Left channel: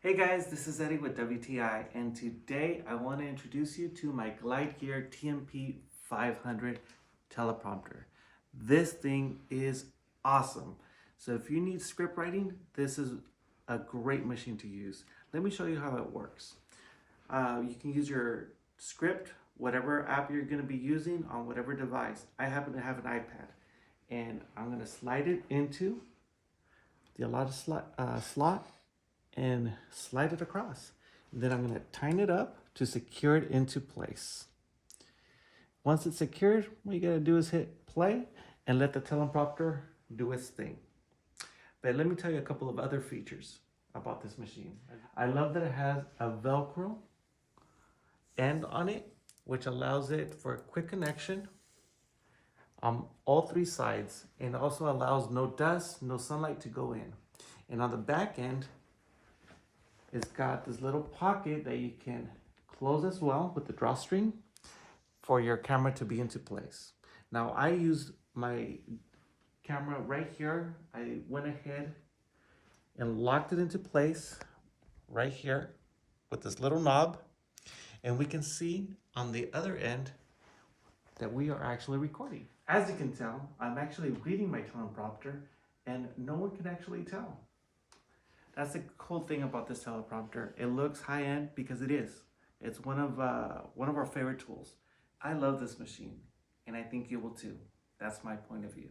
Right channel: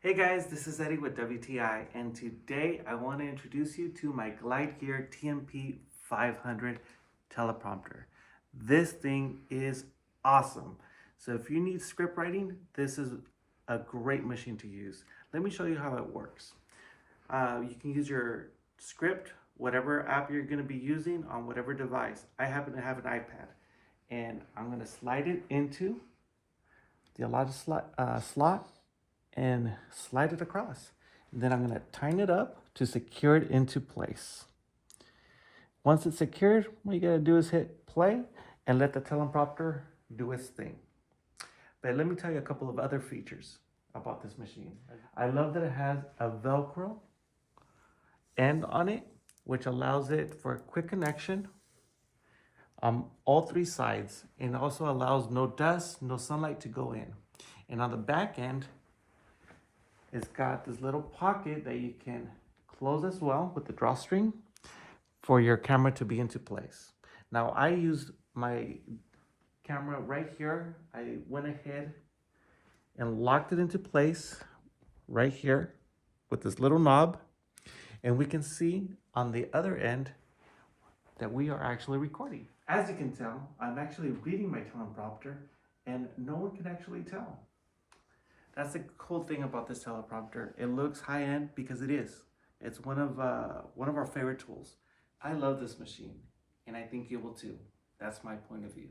Hey guys, this is Eddie with WTI, and today I want to introduce you to my Glide Gear TMP 500 teleprompter. This thing is awesome. So if you need script writing, this is a great machine to use. Let me show you how it works. You can use your script, whatever app you're going to be using on whatever device. I happen to have an iPad, and I'm going to slide it into the allotted slot and slide it across. And then I'm going to tighten it up to secure it into place. Once it's secured, what you got to do is hit play and let the teleprompter do its thing. But let me tell you a couple of other features about this machine. I love that it has a Velcro end on it, which allows it for a quick connection on all three sides, and also allows no dust, no sunlight to go in. And on the back end, it's got this little pocket that you can close as well with the drawstring for your camera to be into place. Now I use my camera right here. I went ahead and locked it into place right here with this little knob. And we can see on the other end that we are actually recording. As you can tell, I'm actually reading my teleprompter and no one can actually tell. That's the cool thing about this teleprompter. It looks high-end because it is. It's one of our favorite tools. I love this machine, and I think you will too. That's my point of view.